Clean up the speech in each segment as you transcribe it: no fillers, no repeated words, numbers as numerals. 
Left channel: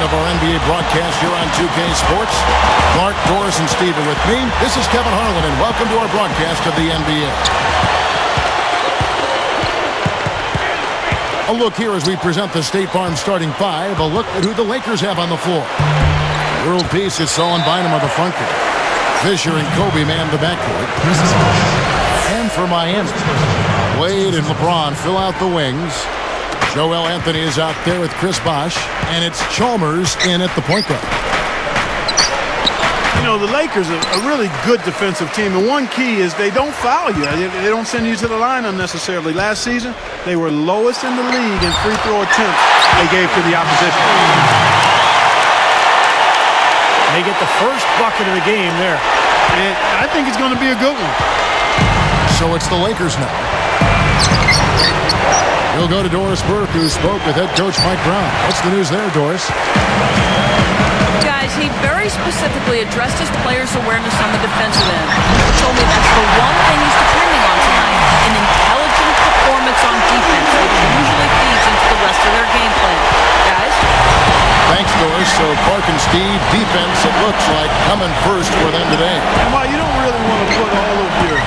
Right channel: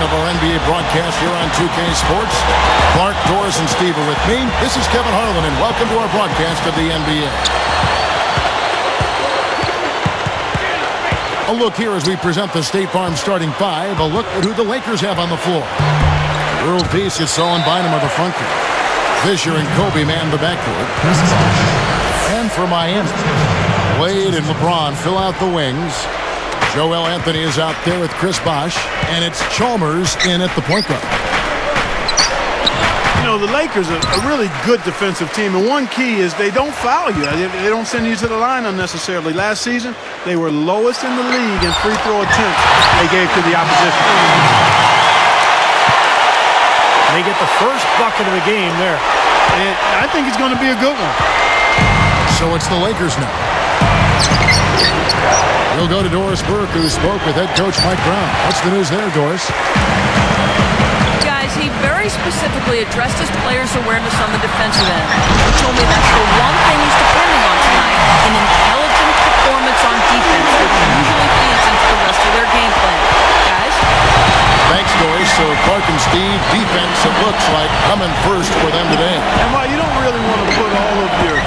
Of our NBA broadcast here on 2K Sports. Clark, Doris, and Steve are with me. This is Kevin Harlan, and welcome to our broadcast of the NBA. A look here as we present the State Farm starting five. A look at who the Lakers have on the floor. World Peace is Solon Bynum of the front court. Fisher and Kobe man the backcourt. And for Miami, Wade and LeBron fill out the wings. Joel Anthony is out there with Chris Bosh, and it's Chalmers in at the point guard. You know, the Lakers are a really good defensive team, and one key is they don't foul you. They don't send you to the line unnecessarily. Last season, they were lowest in the league in free throw attempts they gave to the opposition. They get the first bucket of the game there. And I think it's going to be a good one. So it's the Lakers now. We'll go to Doris Burke, who spoke with head coach Mike Brown. What's the news there, Doris? Guys, he very specifically addressed his players' awareness on the defensive end. He told me that's the one thing he's depending on tonight, an intelligent performance on defense, which usually feeds into the rest of their game plan. Guys? Thanks, Doris. So Clark and Steve, defense, it looks like, coming first for them today. And while you don't really want to put all of your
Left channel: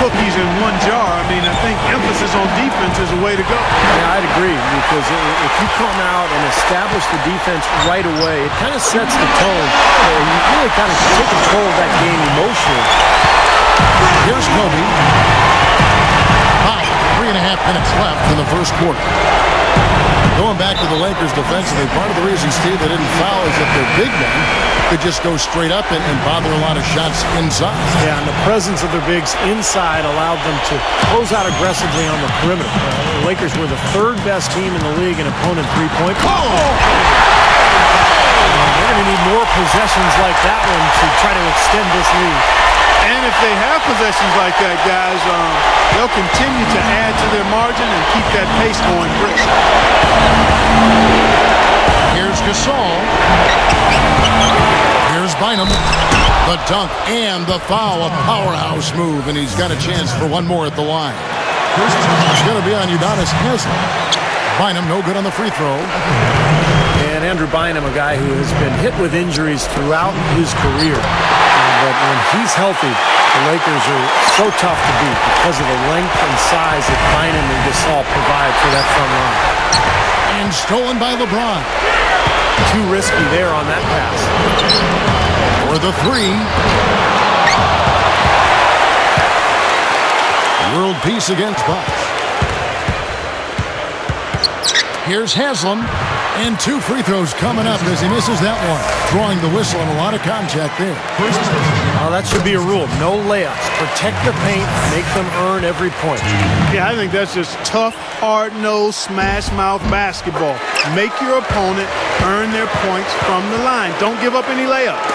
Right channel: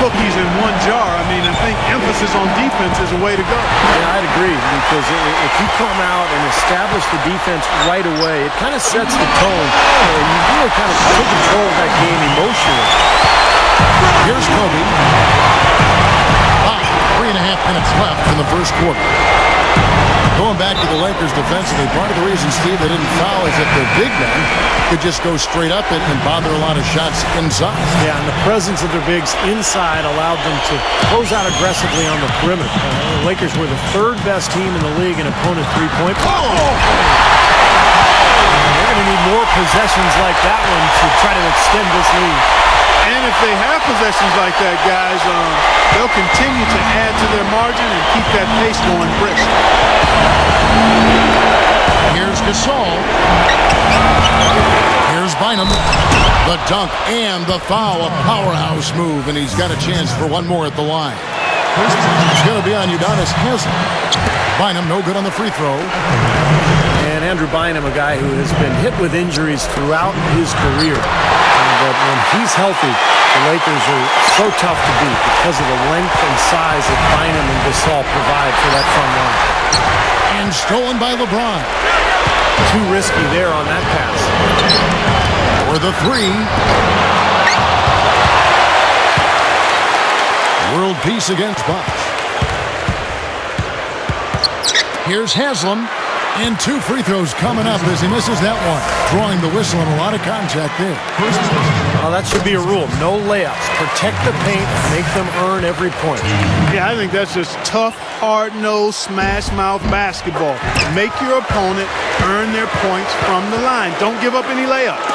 cookies in one jar, I mean, I think emphasis on defense is a way to go. Yeah, I'd agree, because if you come out and establish the defense right away, it kind of sets the tone, and you really kind of take control of that game emotionally. Here's Kobe. About 3.5 minutes left in the first quarter. Going back to the Lakers defensively, part of the reason, Steve, they didn't foul is that their big men could just go straight up and bother a lot of shots inside. Yeah, and the presence of their bigs inside allowed them to close out aggressively on the perimeter. The Lakers were the third best team in the league in opponent three-point. And they're going to need more possessions like that one to try to extend this lead. And if they have possessions like that, guys, they'll continue to add to their margin and keep that pace going brisk. Here's Gasol. Here's Bynum. The dunk and the foul. A powerhouse move, and he's got a chance for one more at the line. It's going to be on Udonis Haslem. Bynum no good on the free throw. And Andrew Bynum, a guy who has been hit with injuries throughout his career. But when he's healthy, the Lakers are so tough to beat because of the length and size that Bynum and Gasol provide for that front line. And stolen by LeBron. Too risky there on that pass. For the three. World Peace against Bosh. Here's Haslem. And 2 free throws coming up as he misses that one. Drawing the whistle and a lot of contact there. Well, that should be a rule. No layups. Protect the paint. Make them earn every point. Yeah, I think that's just tough, hard-nosed, smash-mouth basketball. Make your opponent earn their points from the line. Don't give up any layups.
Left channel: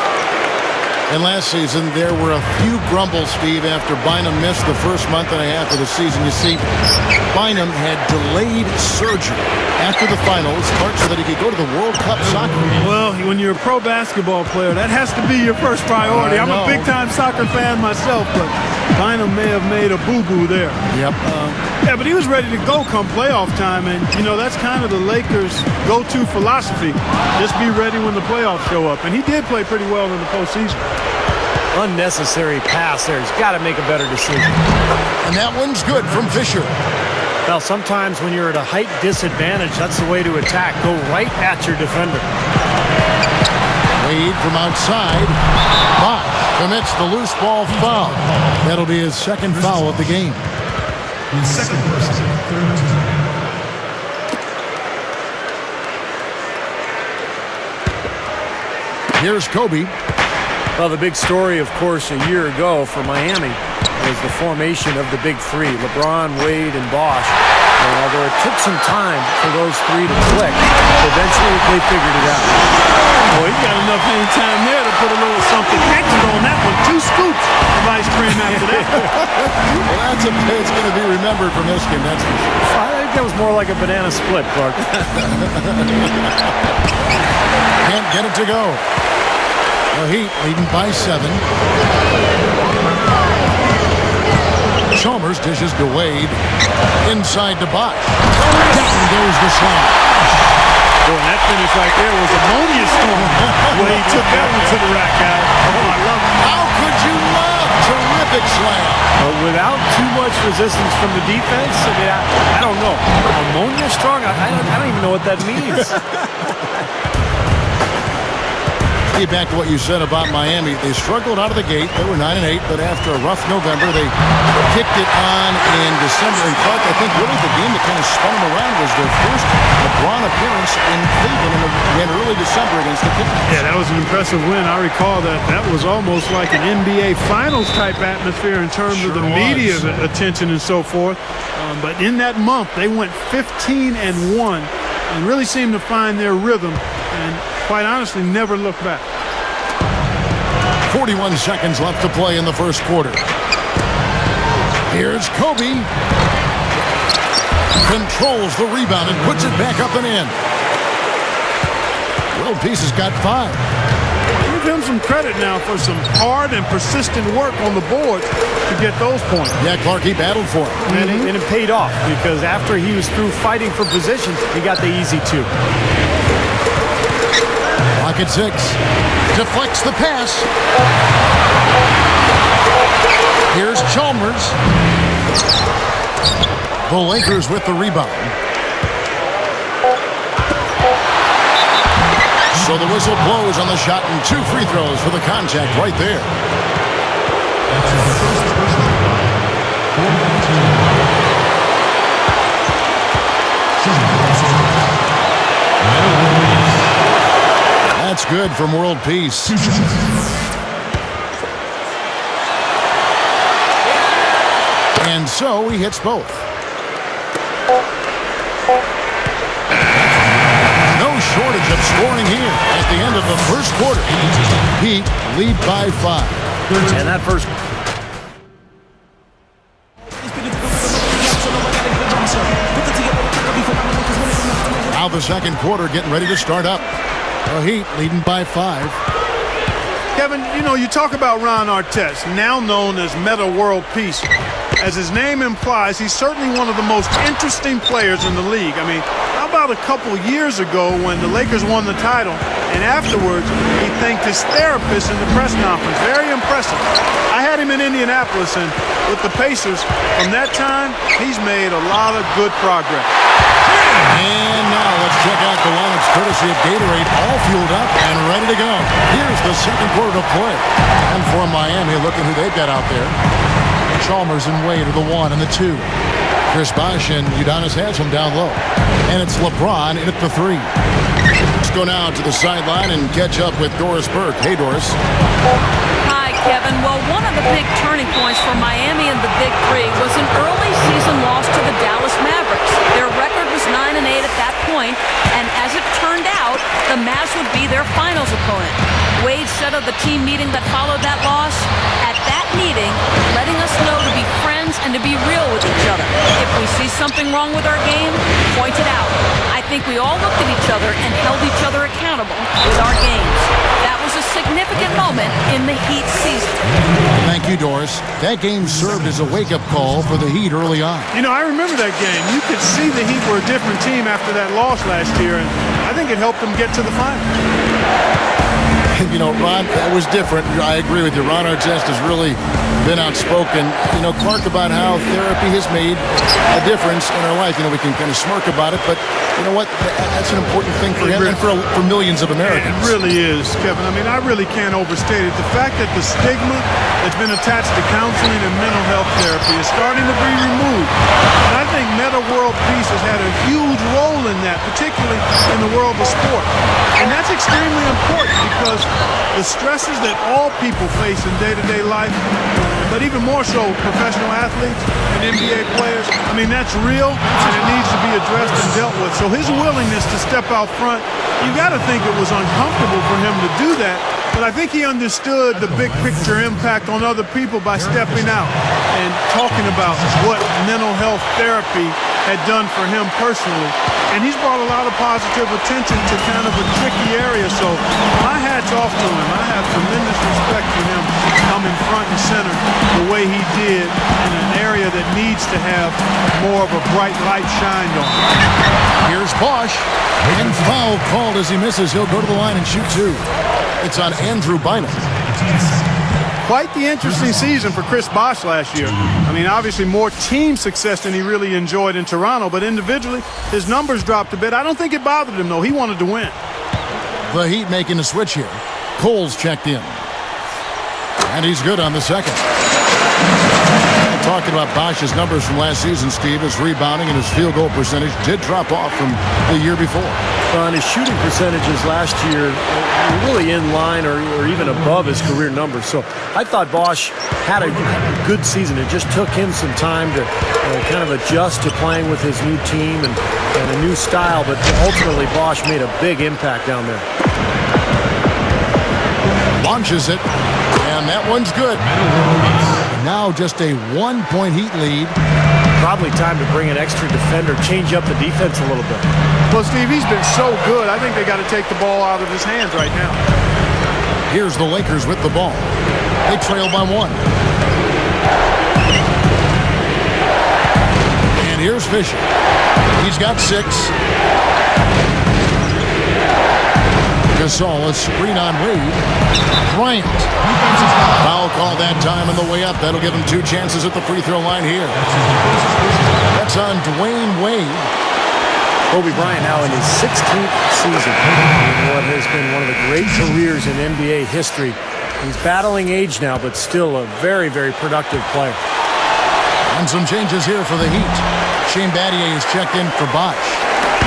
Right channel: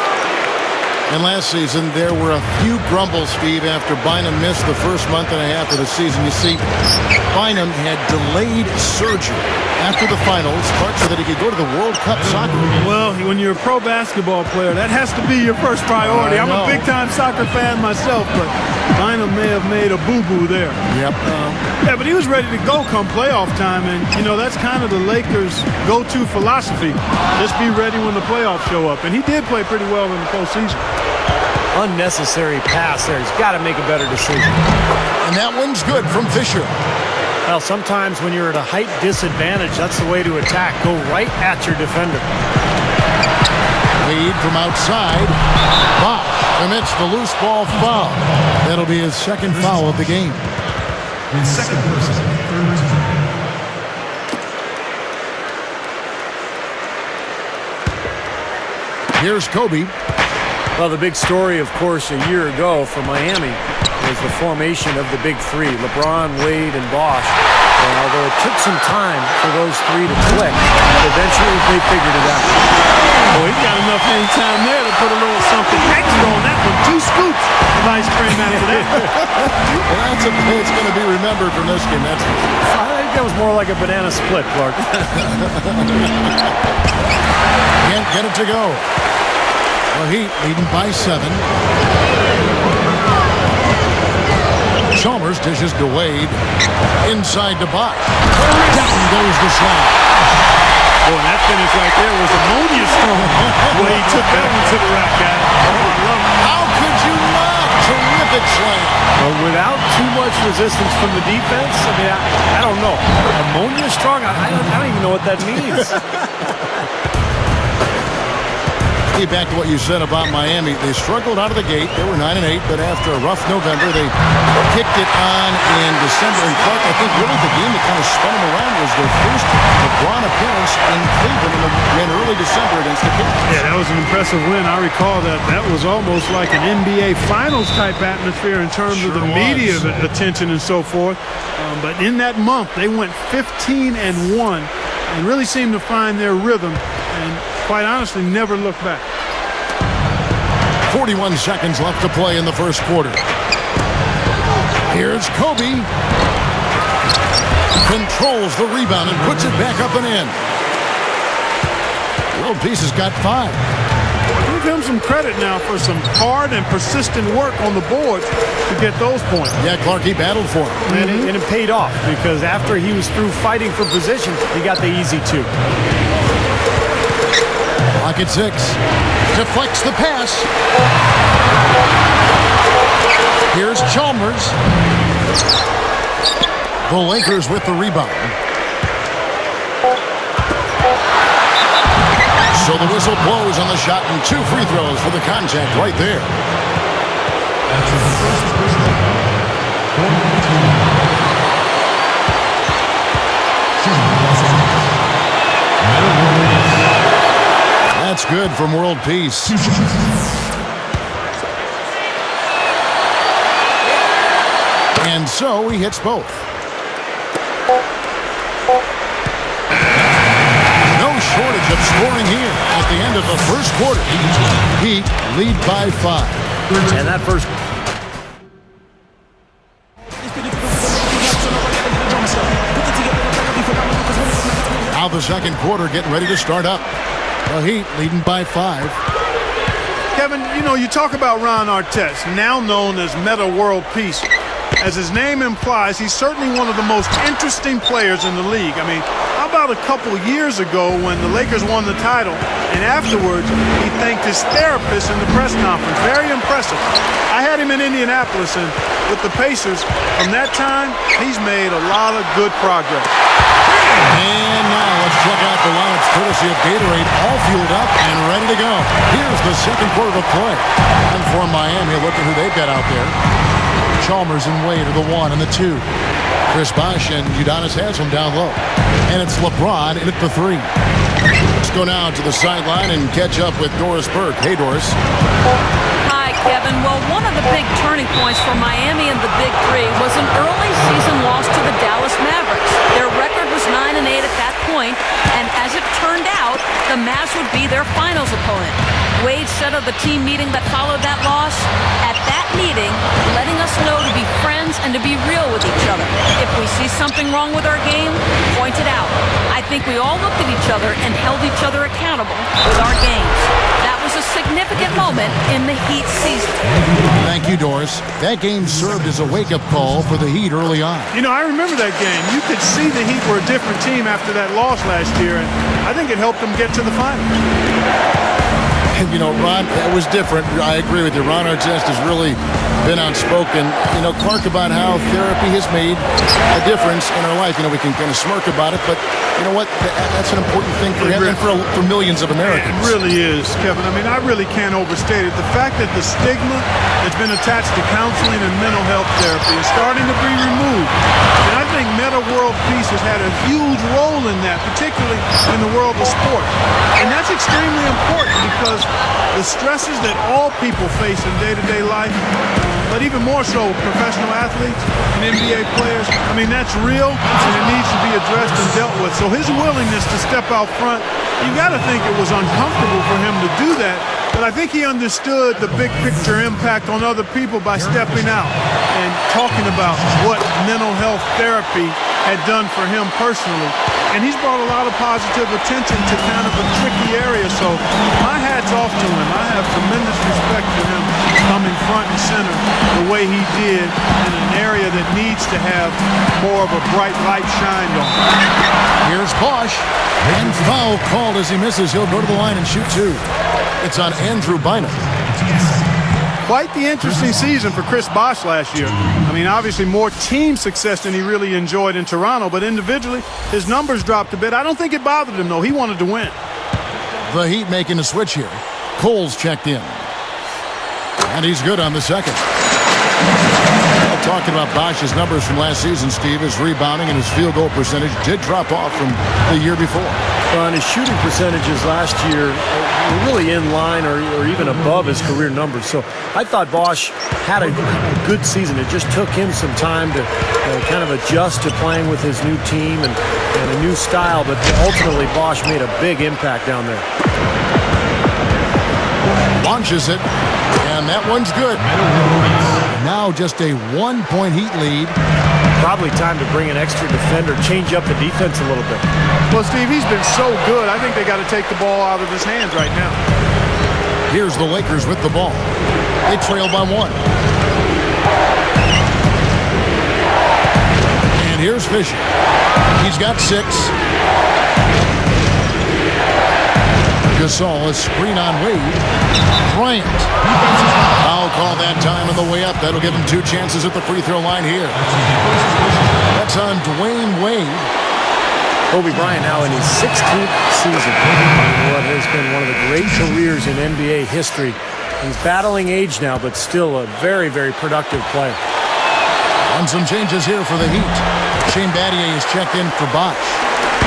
And last season, there were a few grumbles, Steve, after Bynum missed the first month and a half of the season. You see, Bynum had delayed surgery after the finals, Clark, so that he could go to the World Cup soccer. Well, when you're a pro basketball player, that has to be your first priority. I'm a big-time soccer fan myself, but Bynum may have made a boo-boo there. Yep. Yeah, but he was ready to go come playoff time, and, you know, that's kind of the Lakers' go-to philosophy. Just be ready when the playoffs show up. And he did play pretty well in the postseason. Unnecessary pass there. He's got to make a better decision. And that one's good from Fisher. Well, sometimes when you're at a height disadvantage, that's the way to attack. Go right at your defender. Wade from outside. Bosh commits the loose ball foul. That'll be his second foul of the game. His second personal, third team. Here's Kobe. Well, the big story, of course, a year ago for Miami was the formation of the big three, LeBron, Wade, and Bosh. And although it took some time for those three to click, eventually they figured it out. Boy, he's got enough hang time there to put a little something extra on that one. 2 scoops of ice cream after that. Well, that's a play that's going to be remembered from this game, that's for sure. I think that was more like a banana split, Clark. Can't get it to go. The Heat leading by 7. Chalmers dishes to Wade. Inside to Bosh. Down goes the slam. Boy, that finish right there was ammonia strong. The way he took that one to the rack, guys. Oh, I love it. How could you not? Terrific slam. But without too much resistance from the defense, I mean, I don't know. Ammonia strong? I don't even know what that means. Steve, back to what you said about Miami. They struggled out of the gate. They were 9-8, but after a rough November, they kicked it on in December. And Clark, I think really the game that kind of spun them around was their first LeBron appearance in Cleveland in early December against the Cavs. Yeah, that was an impressive win. I recall that. That was almost like an NBA Finals type atmosphere in terms of the media attention and so forth. But in that month, they went 15-1 and really seemed to find their rhythm and, quite honestly, never looked back. 41 seconds left to play in the first quarter. Here's Kobe. Controls the rebound and puts it back up and in. World Peace has got 5. Give him some credit now for some hard and persistent work on the boards to get those points. Yeah, Clark, he battled for him. And it paid off because after he was through fighting for position, he got the easy 2. Clock at 6. Deflects the pass. Here's Chalmers. The Lakers with the rebound. So the whistle blows on the shot and 2 free throws for the contact right there. That's good from World Peace. And so he hits both. No shortage of scoring here at the end of the first quarter. Heat lead by 5. And that first... Now the second quarter getting ready to start up. The Heat leading by 5. Kevin, you know, you talk about Ron Artest, now known as Meta World Peace. As his name implies, he's certainly one of the most interesting players in the league. I mean, how about a couple years ago when the Lakers won the title, and afterwards he thanked his therapist in the press conference. Very impressive. I had him in Indianapolis, and with the Pacers, from that time, he's made a lot of good progress. And now let's check out the lineups courtesy of Gatorade, all fueled up and ready to go. Here's the second quarter to play. And for Miami, look at who they've got out there. Chalmers and Wade are the 1 and the 2. Chris Bosh and Udonis Haslem down low. And it's LeBron in at the 3. Let's go now to the sideline and catch up with Doris Burke. Hey, Doris. Hi, Kevin. Well, one of the big turning points for Miami and the Big Three was an early season loss to the Dallas Mavericks. Their record was 9-8 at that point, and as it turned out, the Mavs would be their finals opponent. Wade said of the team meeting that followed that loss, at that meeting, letting us know to be friends and to be real with each other. If we see something wrong with our game, point it out. I think we all looked at each other and held each other accountable with our games. That was a significant moment in the Heat season. Thank you, Doris. That game served as a wake-up call for the Heat early on. You know, I remember that game. You could see the Heat were a different team after that loss last year, and I think it helped them get to the finals. And, you know, Ron, that was different. I agree with you. Ron Artest has really been outspoken, you know, Clark, about how therapy has made a difference in our life. You know, we can kind of smirk about it, but you know what? That's an important thing for him and for millions of Americans. It really is, Kevin. I mean, I really can't overstate it. The fact that the stigma that's been attached to counseling and mental health therapy is starting to be removed. And I think Meta World Peace has had a huge role in that, particularly in the world of sports. And that's extremely important because the stresses that all people face in day-to-day life, but even more so professional athletes and NBA players, I mean, that's real and it needs to be addressed and dealt with. So his willingness to step out front, you got to think it was uncomfortable for him to do that, but I think he understood the big picture impact on other people by stepping out and talking about what mental health therapy had done for him personally. And he's brought a lot of positive attention to kind of a tricky area. So my hat's off to him. I have tremendous respect for him coming front and center the way he did in an area that needs to have more of a bright light shined on it. Here's Bosch. And foul called as he misses. He'll go to the line and shoot two. It's on Andrew Bynum. Quite the interesting season for Chris Bosch last year. I mean, obviously more team success than he really enjoyed in Toronto, but individually, his numbers dropped a bit. I don't think it bothered him, though. He wanted to win. The Heat making a switch here. Cole's checked in. And he's good on the second. Well, talking about Bosch's numbers from last season, Steve, his rebounding and his field goal percentage did drop off from the year before. And his shooting percentages last year were really in line or even above his career numbers. So I thought Bosch had a good season. It just took him some time to kind of adjust to playing with his new team and a new style. But ultimately, Bosch made a big impact down there. Launches it, and that one's good. Now just a 1-point Heat lead. Probably time to bring an extra defender, change up the defense a little bit. Well, Steve, he's been so good. I think they got to take the ball out of his hands right now. Here's the Lakers with the ball. They trail by one. And here's Fisher. He's got 6. Gasol, a screen on Wade. Bryant. Foul call that time on the way up. That'll give him 2 chances at the free throw line here. That's on Dwayne Wade. Kobe Bryant now in his 16th season in what has been one of the great careers in NBA history. He's battling age now, but still a very, very productive player. And some changes here for the Heat. Shane Battier is checked in for Bosch.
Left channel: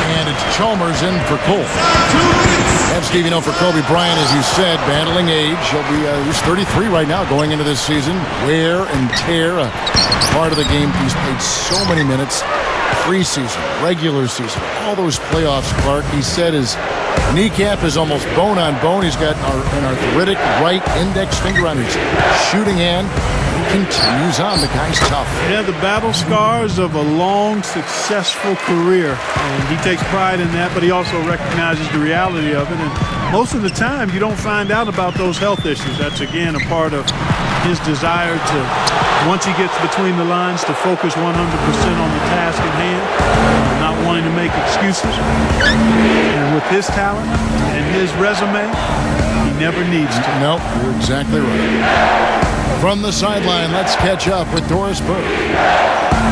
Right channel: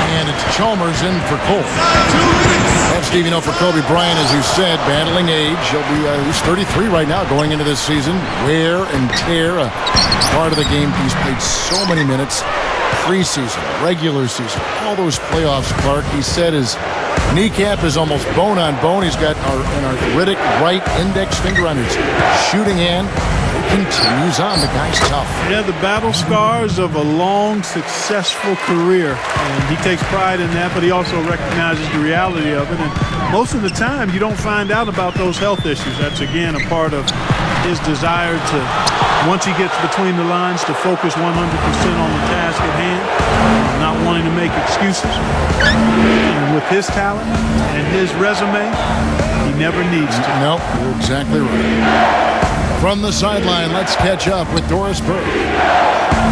And it's Chalmers in for Cole. And Steve, you know, for Kobe Bryant, as you said, battling age. He's 33 right now going into this season. Wear and tear, a part of the game. He's played so many minutes. Preseason, regular season, all those playoffs, Clark. He said his kneecap is almost bone on bone. He's got an arthritic right index finger on his shooting hand. He continues on. The guy's tough. Yeah, the battle scars of a long, successful career. And he takes pride in that, but he also recognizes the reality of it. And most of the time, you don't find out about those health issues. That's, again, a part of his desire to, once he gets between the lines, to focus 100% on the task at hand, not wanting to make excuses. And with his talent and his resume, he never needs to. Nope, you're exactly right. From the sideline, let's catch up with Doris Burke.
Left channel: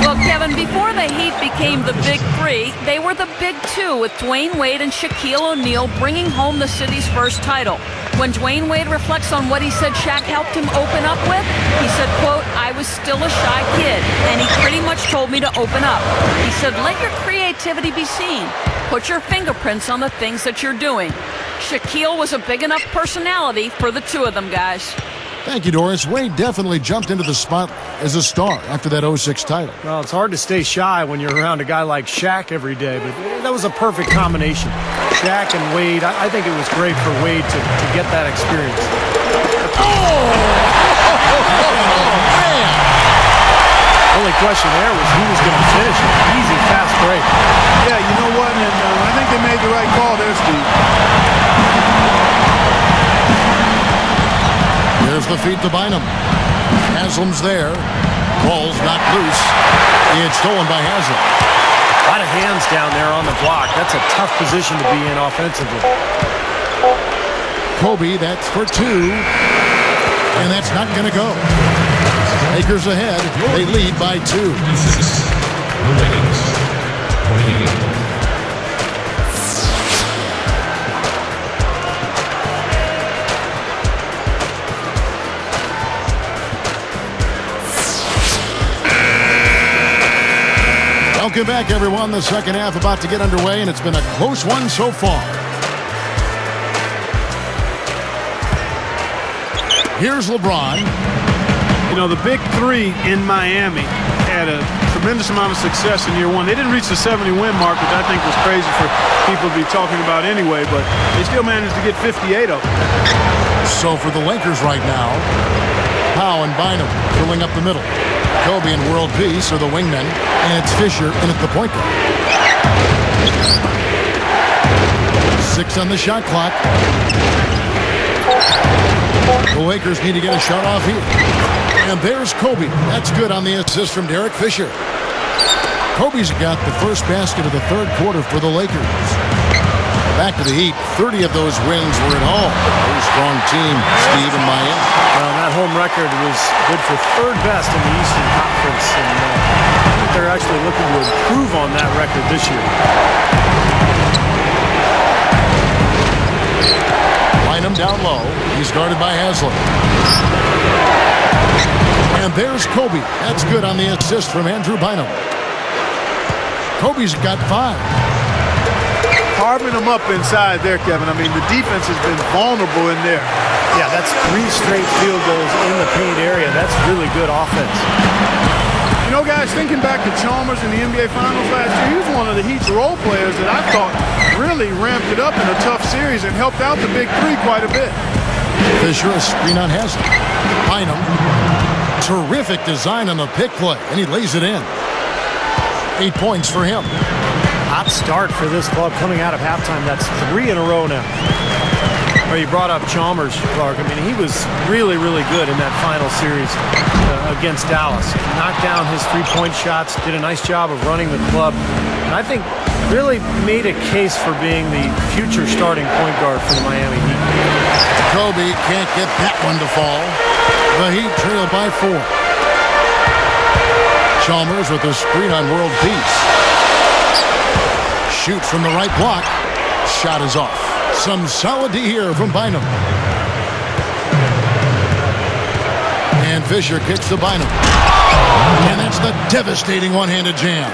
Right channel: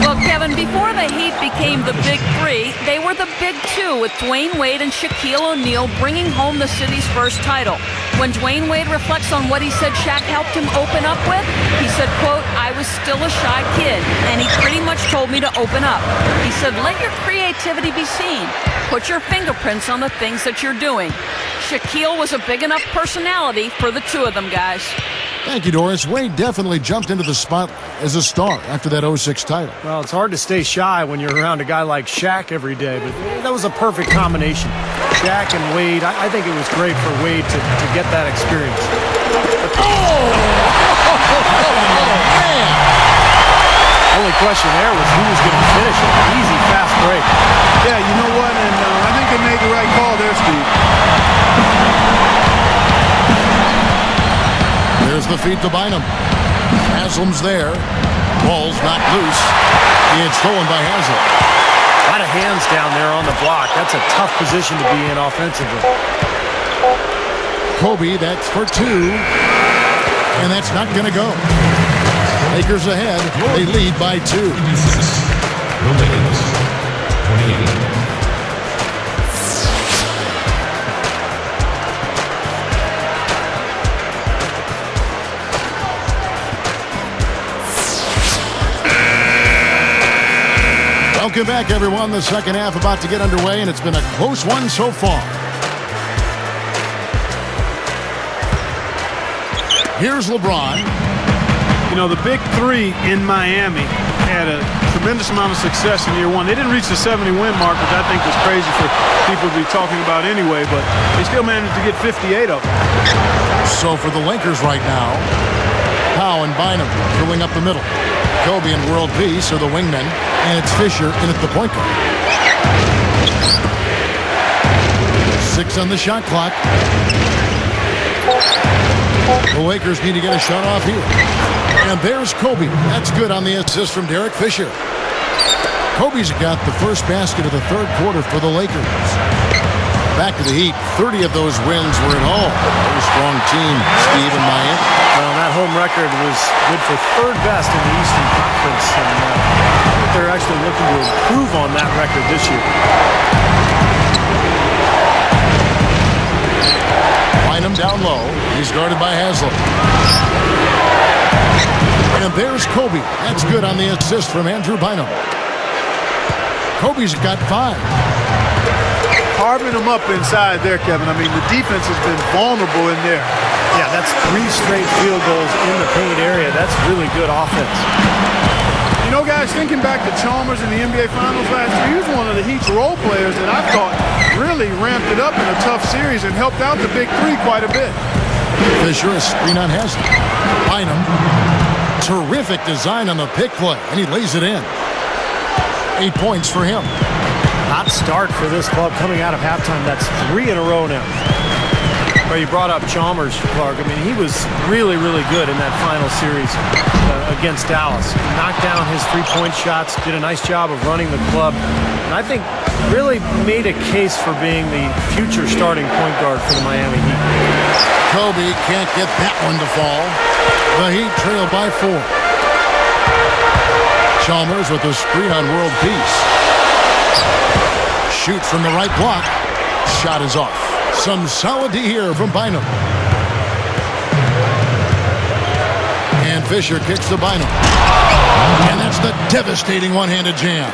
Well, Kevin, before the Heat became the Big Three, they were the Big Two, with Dwayne Wade and Shaquille O'Neal bringing home the city's first title. When Dwayne Wade reflects on what he said Shaq helped him open up with, he said, quote, "I was still a shy kid, and he pretty much told me to open up. He said, let your creativity be seen. Put your fingerprints on the things that you're doing." Shaquille was a big enough personality for the two of them, guys. Thank you, Doris. Wade definitely jumped into the spotlight as a star after that 06 title. Well, it's hard to stay shy when you're around a guy like Shaq every day, but that was a perfect combination. Shaq and Wade, I think it was great for Wade to get that experience. Man! Only question there was who was going to finish it. Easy, fast break. Yeah, you know what? And I think they made the right call there, Steve. There's the feed to Bynum. Haslam's there. Ball's knocked loose. It's stolen by Haslam. A lot of hands down there on the block. That's a tough position to be in offensively. Kobe, that's for 2. And that's not going to go. Lakers ahead. They lead by 2. The Lakers, 28. Welcome back, everyone. The second half about to get underway, and it's been a close one so far. Here's LeBron. You know, the Big Three in Miami had a tremendous amount of success in year one. They didn't reach the 70-win mark, which I think was crazy for people to be talking about anyway, but they still managed to get 58 of them. So for the Lakers right now, Powell and Bynum filling up the middle. Kobe and World Peace are the wingmen, and it's Fisher in at the point guard. 6 on the shot clock. The Lakers need to get a shot off here. And there's Kobe. That's good on the assist from Derek Fisher. Kobe's got the first basket of the third quarter for the Lakers. Back to the Heat. 30 of those wins were at home. Very strong team, Steve, in Miami. Well, that home record was good for third best in the Eastern Conference, and I think they're actually looking to improve on that record this year. Bynum down low. He's guarded by Haslem. And there's Kobe. That's good on the assist from Andrew Bynum. Kobe's got 5. Carving them up inside there, Kevin. I mean, the defense has been vulnerable in there. Yeah, that's 3 straight field goals in the paint area. That's really good offense. You know, guys, thinking back to Chalmers in the NBA Finals last year, he was one of the Heat's role players that I thought really ramped it up in a tough series and helped out the big three quite a bit. Fisher, a screen on Haslem. Bynum. Terrific design on the pick play, and he lays it in. 8 points for him. Hot start for this club coming out of halftime. That's 3 in a row now. Well, you brought up Chalmers, Clark. I mean, he was really, really good in that final series against Dallas. He knocked down his three-point shots, did a nice job of running the club, and I think really made a case for being the future starting point guard for the Miami Heat. Kobe can't get that one to fall. The Heat trail by 4. Chalmers with a screen on World Peace. Shoots from the right block. Shot is off. Some solid D here from Bynum. And Fisher kicks to Bynum. And that's the devastating one-handed jam.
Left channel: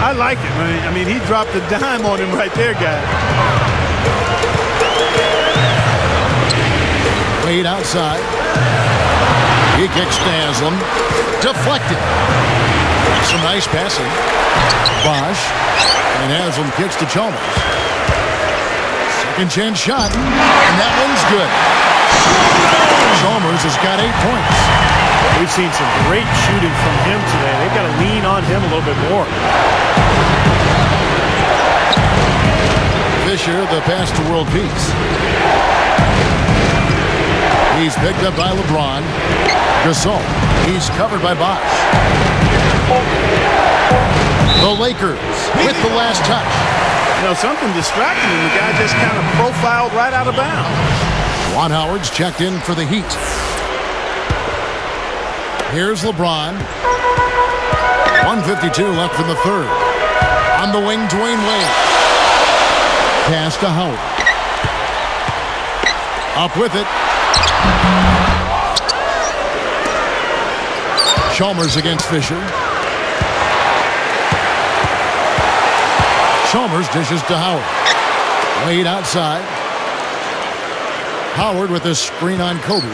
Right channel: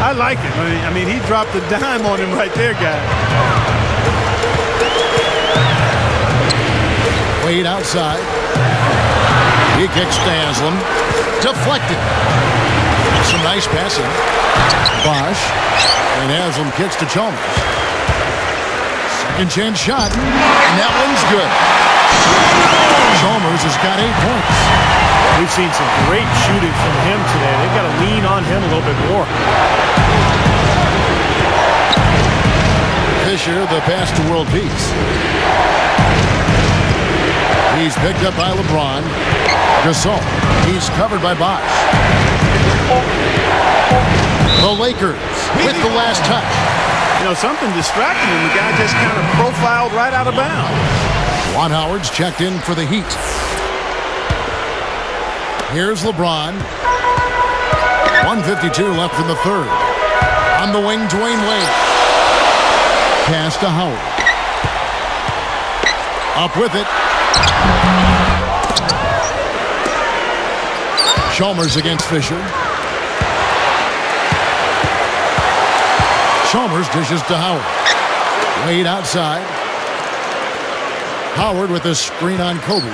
I like it. I mean, he dropped a dime on him right there, guys. Wade outside. He kicks to Haslem. Deflected. Some nice passing. Bosch. And Haslem kicks to Chalmers. Second chance shot. And that one's good. Chalmers has got 8 points. We've seen some great shooting from him today. They've got to lean on him a little bit more. Fisher, the pass to World Peace. He's picked up by LeBron. Gasol. He's covered by Bosch. The Lakers with the last touch. You know, something distracted him. The guy just kind of profiled right out of bounds. Juan Howard's checked in for the Heat. Here's LeBron. 1:52 left in the third. On the wing, Dwayne Wade. Pass to Howard. Up with it. Chalmers against Fisher. Chalmers dishes to Howard. Wade outside. Howard with a screen on Kobe.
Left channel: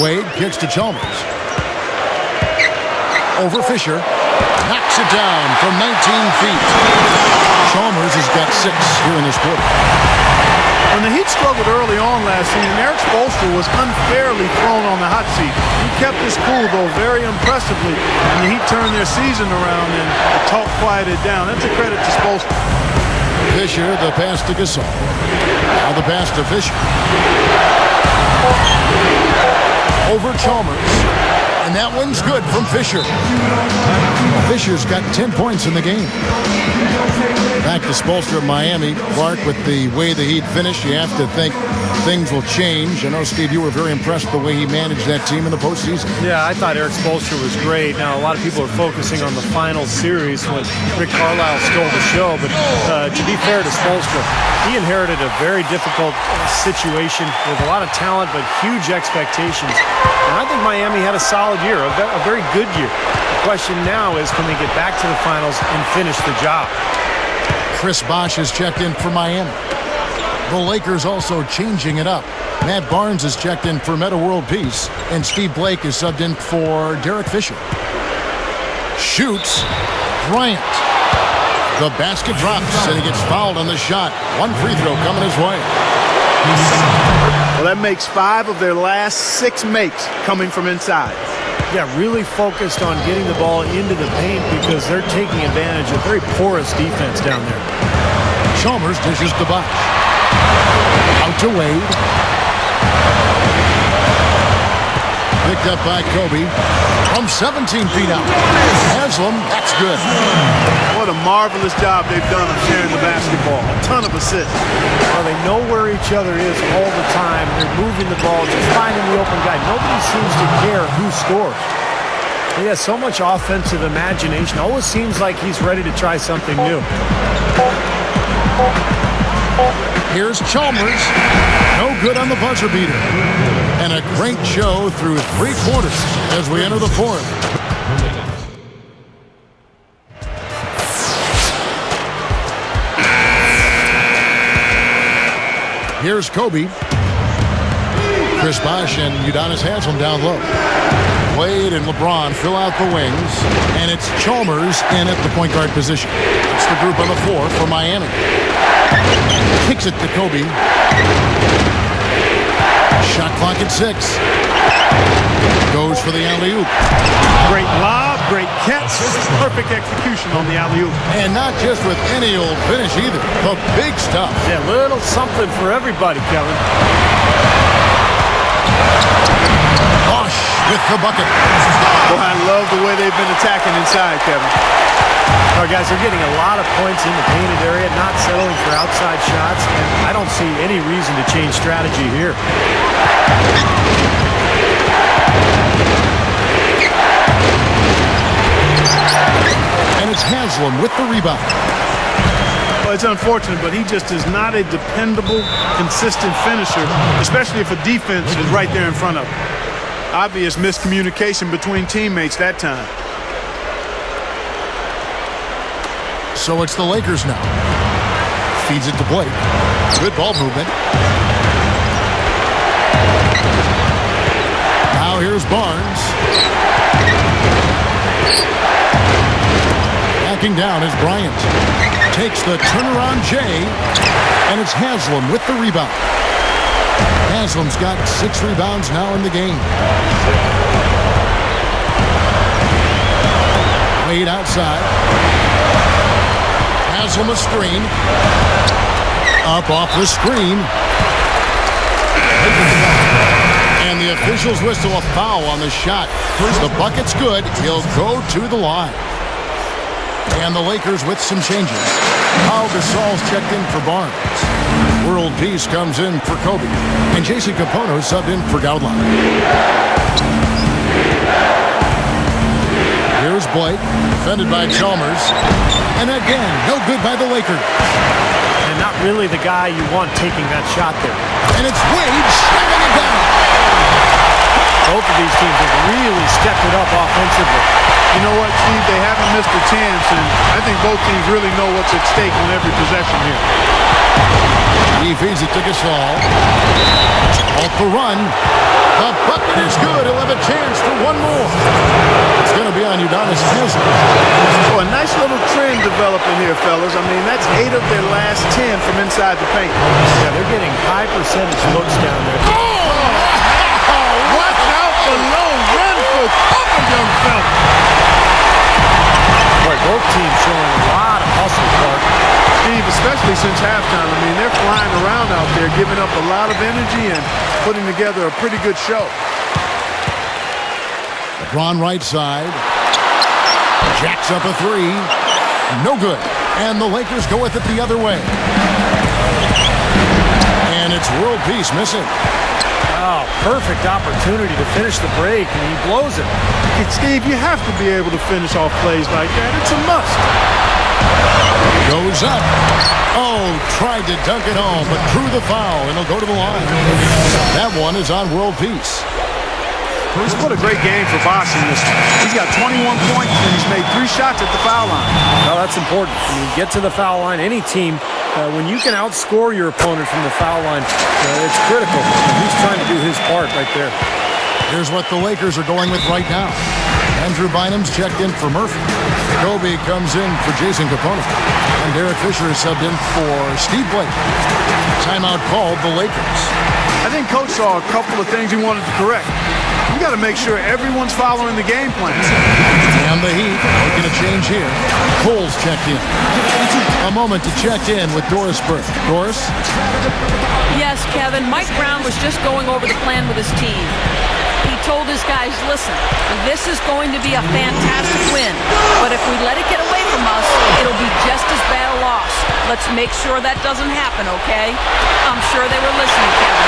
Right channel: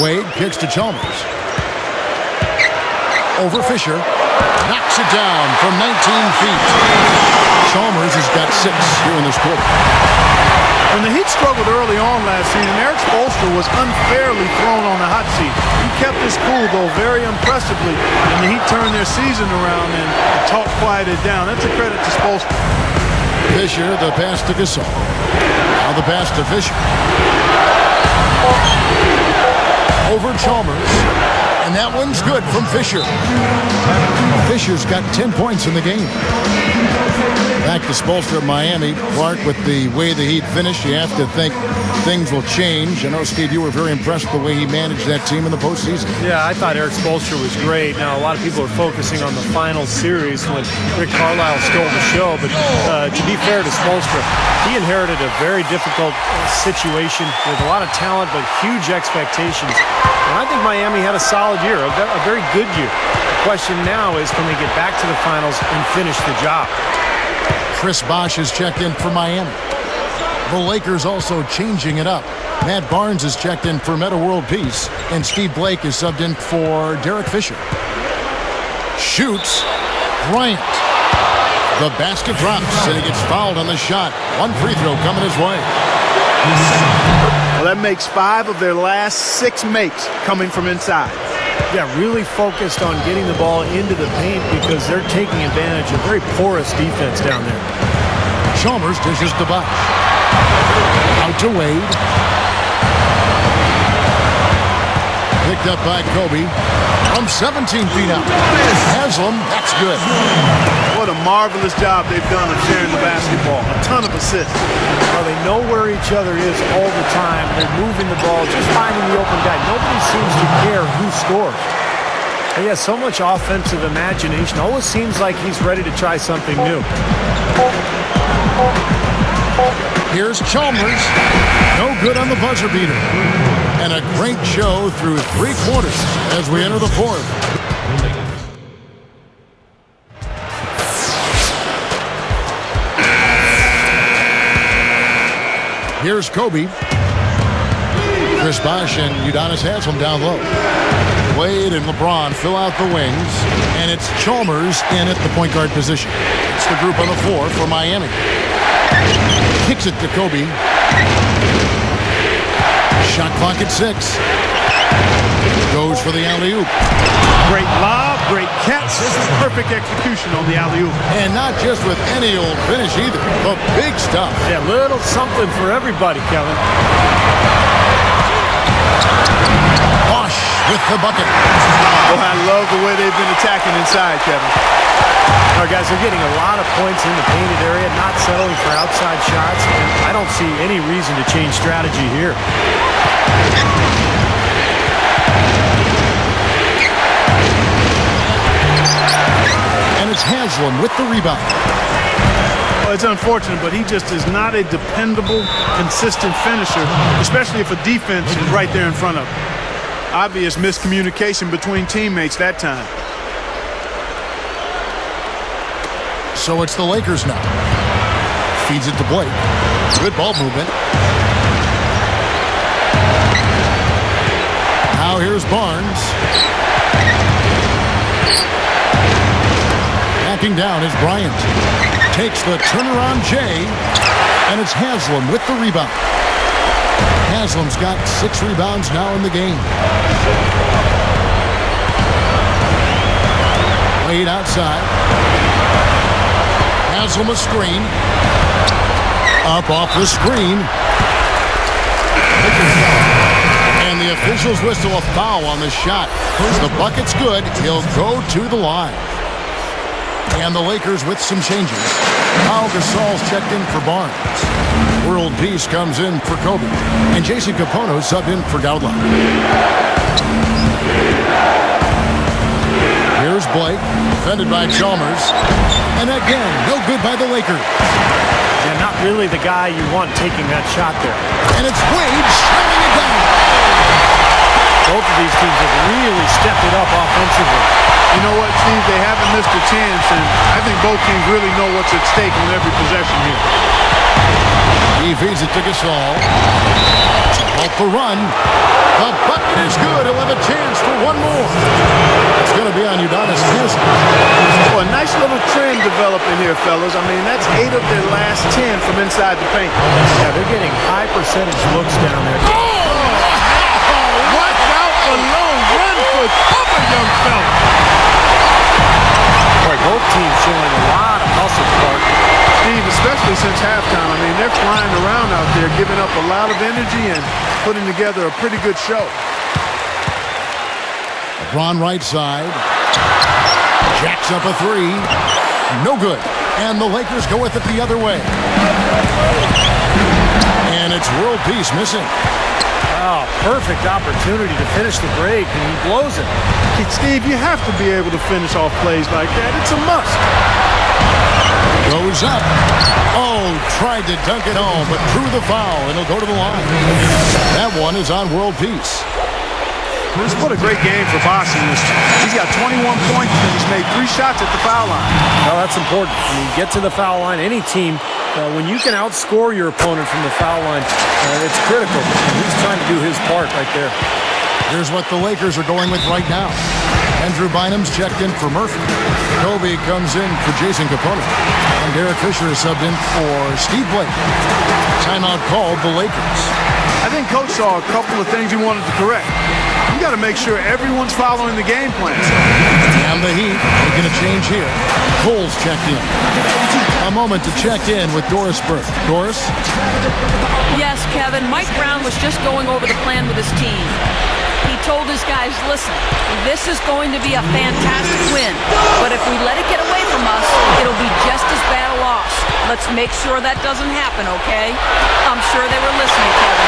Wade kicks to Chalmers. Over Fisher. Knocks it down from 19 feet. Chalmers has got 6 here in this quarter. When the Heat struggled early on last season, Erik Spoelstra was unfairly thrown on the hot seat. He kept his cool, though, very impressively, and the Heat turned their season around and the talk quieted down. That's a credit to Spoelstra. Fisher, the pass to Gasol. Now the pass to Fisher. Over Chalmers. And that one's good from Fisher. Fisher's got 10 points in the game. Back to Spoelstra of Miami. Clark, with the way the Heat finished, you have to think things will change. I know, Steve, you were very impressed with the way he managed that team in the postseason. Yeah, I thought Erik Spoelstra was great. Now, a lot of people are focusing on the final series when Rick Carlisle stole the show. But to be fair to Spoelstra, he inherited a very difficult situation with a lot of talent but huge expectations. And I think Miami had a solid year, a very good year. The question now is, can they get back to the finals and finish the job? Chris Bosh has checked in for Miami. The Lakers also changing it up. Matt Barnes has checked in for Metta World Peace, and Steve Blake is subbed in for Derek Fisher. Shoots. Bryant. The basket drops, and he gets fouled on the shot. One free throw coming his way. Well, that makes 5 of their last 6 makes coming from inside. Yeah, really focused on getting the ball into the paint because they're taking advantage of very porous defense down there. Chalmers dishes to Bosch. Out to Wade. Picked up by Kobe from 17 feet out. Haslam, that's good. What a marvelous job they've done of sharing the basketball. A ton of assists. Well, they know where each other is all the time. They're moving the ball, just finding the open guy. Nobody seems to care who scores. He has so much offensive imagination. Always seems like he's ready to try something new. Here's Chalmers. No good on the buzzer beater. And a great show through 3 quarters as we enter the 4th. Here's Kobe. Chris Bosh and Udonis Haslam down low. Wade and LeBron fill out the wings, and it's Chalmers in at the point guard position. It's the group on the floor for Miami. Kicks it to Kobe. Shot clock at 6. Goes for the alley-oop. Great lob, great catch, perfect execution on the alley-oop. And not just with any old finish either, but big stuff. Yeah, little something for everybody, Kevin. Bosch with the bucket. Boy, I love the way they've been attacking inside, Kevin. All right, guys, they're getting a lot of points in the painted area, not settling for outside shots, and I don't see any reason to change strategy here. And it's Haslam with the rebound. Well, it's unfortunate, but he just is not a dependable, consistent finisher, especially if a defense is right there in front of him. Obvious miscommunication between teammates that time. So it's the Lakers now. Feeds it to Blake. Good ball movement. Now here's Barnes. Backing down is Bryant. Takes the turnaround J, and it's Haslam with the rebound. Haslam's got 6 rebounds now in the game. Wade outside. Haslam a screen. Up off the screen. And the officials whistle a foul on the shot. The bucket's good. He'll go to the line. And the Lakers with some changes. Pau Gasol's checked in for Barnes. World Peace comes in for Kobe. And Jason Kapono subbed in for Gaudelot. Here's Blake, defended by Chalmers. And again, no good by the Lakers. And not really the guy you want taking that shot there. And it's Wade slamming it down. Both of these teams have really stepped it up offensively. You know what, Steve? They haven't missed a chance, and I think both teams really know what's at stake on every possession here. He feeds it to Gasol. It's off the run. The bucket is good. He'll have a chance for one more. It's going to be on Udonis Haslam. Oh, a nice little trend developing here, fellas. I mean, that's 8 of their last 10 from inside the paint. Yeah, they're getting high percentage looks down there. Watch out below. Run for cover, young fella. Boy, both teams showing a lot of hustle, Clark. Steve, especially since halftime, I mean, they're flying around out there, giving up a lot of energy and putting together a pretty good show. LeBron right side. Jacks up a 3. No good. And the Lakers go with it the other way. And it's World Peace missing. Oh, perfect opportunity to finish the break, and he blows it. Steve, you have to be able to finish off plays like that. It's a must. Goes up. Oh, tried to dunk it home, but drew the foul, and he'll go to the line. That one is on World Peace. What a great game for Bosch in this one. He's got 21 points, and he's made 3 shots at the foul line. Well, that's important. I mean, get to the foul line. Any team, when you can outscore your opponent from the foul line, it's critical, and he's trying to do his part right there. Here's what the Lakers are going with right now. Andrew Bynum's checked in for Murphy. Kobe comes in for Jason Kapono. And Derek Fisher is subbed in for Steve Blake. Timeout called the Lakers. I think Coach saw a couple of things he wanted to correct. You got to make sure everyone's following the game plan. And the Heat making a change here. Cole's checked in. A moment to check in with Doris Burke. Doris? Yes, Kevin, Mike Brown was just going over the plan with his team. He told his guys, listen, this is going to be a fantastic win, but if we let it get away from us, it'll be just as bad a loss. Let's make sure that doesn't happen, okay? I'm sure they were listening, Kevin.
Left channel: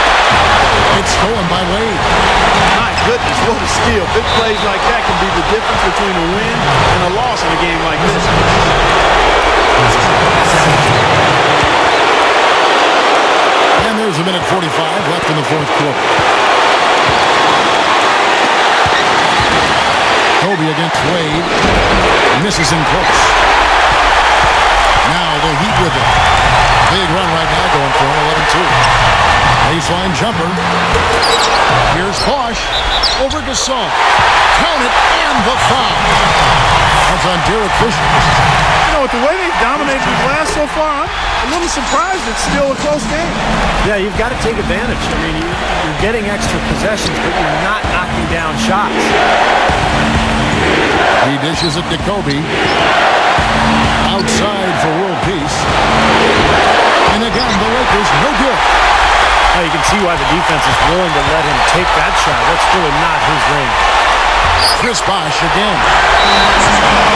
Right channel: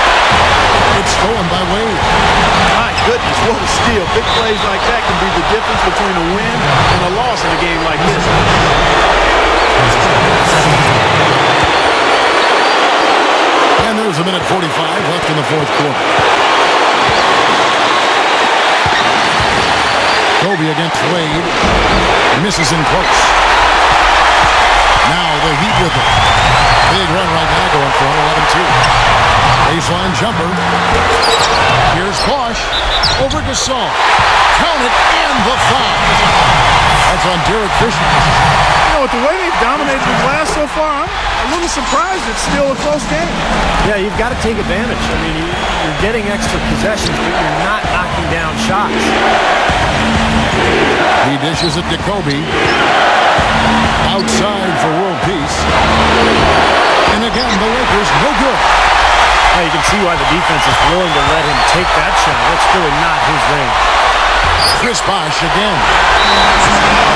It's stolen by Wade. My goodness, what a steal. Big plays like that can be the difference between a win and a loss in a game like this. And there's a minute 45 left in the fourth quarter. Kobe against Wade. Misses in close. Now the Heat with it. Big run right now going for him, 11-2. Baseline jumper. Here's Bosch over Gasol. Count it, and the foul. That's on Derek Fisher. You know, with the way they've dominated the glass so far, I'm a little surprised it's still a close game. Yeah, you've got to take advantage. I mean, you're getting extra possessions, but you're not knocking down shots. He dishes it to Kobe. Outside for world peace. And again, the Lakers no good. Now you can see why the defense is willing to let him take that shot. That's really not his range. Chris Bosh again.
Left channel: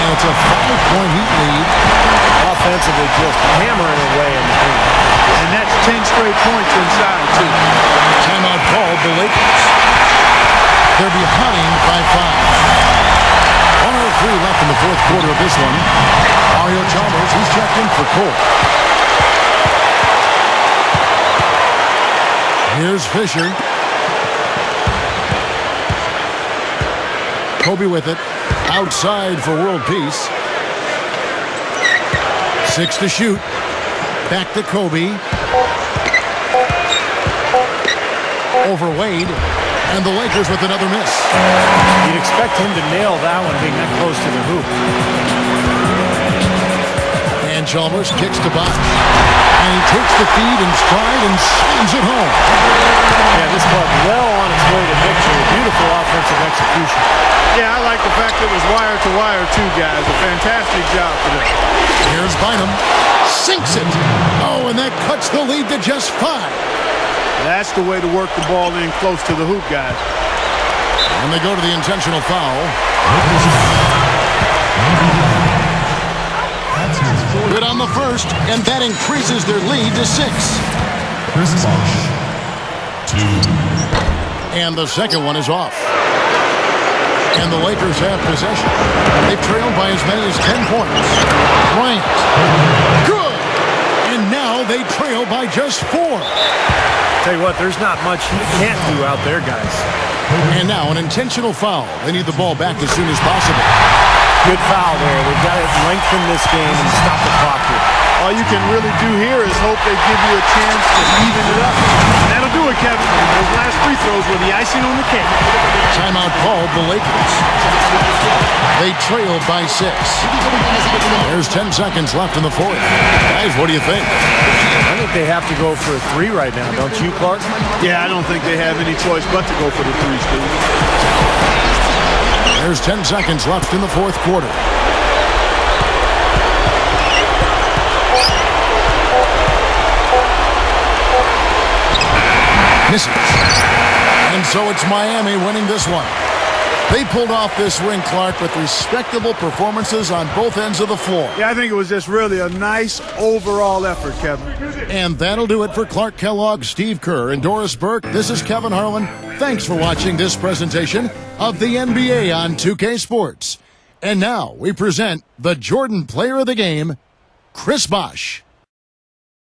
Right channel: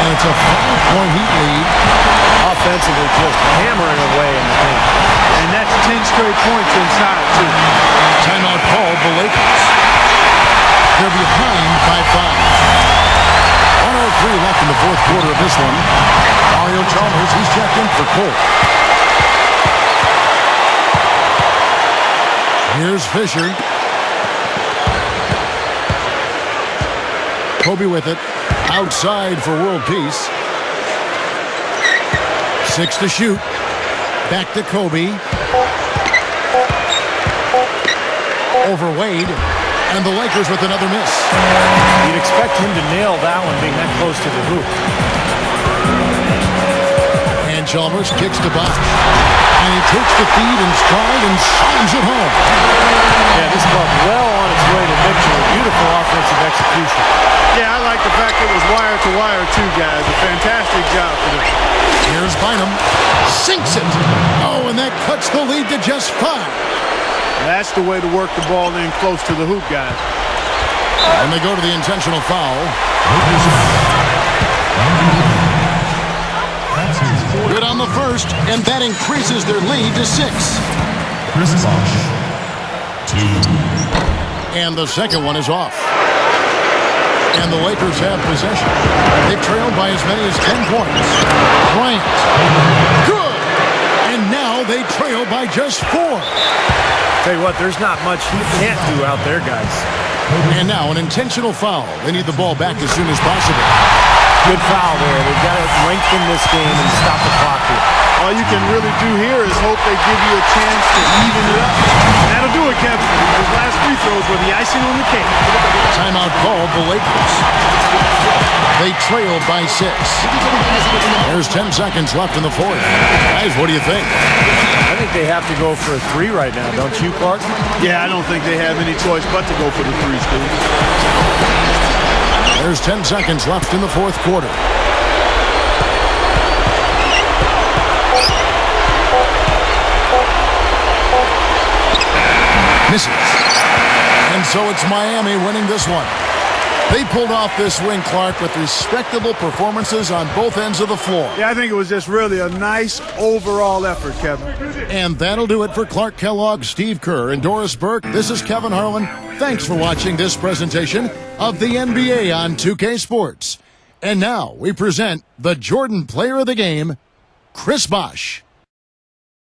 And it's a 5-point Heat lead. Offensively just hammering away in the paint. And that's 10 straight points inside, too. Timeout called the Lakers. They're behind by 5. 1:03 left in the fourth quarter of this one. Mario Chalmers, he's checked in for Cole. Here's Fisher. Kobe with it. Outside for world peace. 6 to shoot. Back to Kobe. Over Wade. And the Lakers with another miss. You'd expect him to nail that one being that close to the hoop. And Chalmers kicks to Bosh. And he takes the feed in stride and slams it home. Yeah, this club well on its way to victory. Beautiful offensive execution. Yeah, I like the fact that it was wire to wire, too, guys. A fantastic job for them. Here's Bynum. Sinks it. Oh, and that cuts the lead to just 5. That's the way to work the ball in close to the hoop, guys. And they go to the intentional foul. Good on the first, and that increases their lead to 6. Chris Bosh, 2. And the second one is off. And the Lakers have possession. They've trailed by as many as 10 points. Bryant. Good! And now they trail by just 4. Tell you what, there's not much he can't do out there, guys. And now an intentional foul. They need the ball back as soon as possible. Good foul there. They've got to lengthen this game and stop the clock here. All you can really do here is hope they give you a chance to even it up. And that'll do it, Kevin. Those last free throws were the icing on the cake. Timeout called the Lakers. They trail by 6. There's 10 seconds left in the fourth. Guys, what do you think? I think they have to go for a 3 right now, don't you, Clark? Yeah, I don't think they have any choice but to go for the 3, Steve. There's 10 seconds left in the fourth quarter. Misses. And so it's Miami winning this one. They pulled off this win, Clark, with respectable performances on both ends of the floor. Yeah, I think it was just really a nice overall effort, Kevin. And that'll do it for Clark Kellogg, Steve Kerr, and Doris Burke. This is Kevin Harlan. Thanks for watching this presentation of the NBA on 2K Sports. And now we present the Jordan Player of the Game, Chris Bosh.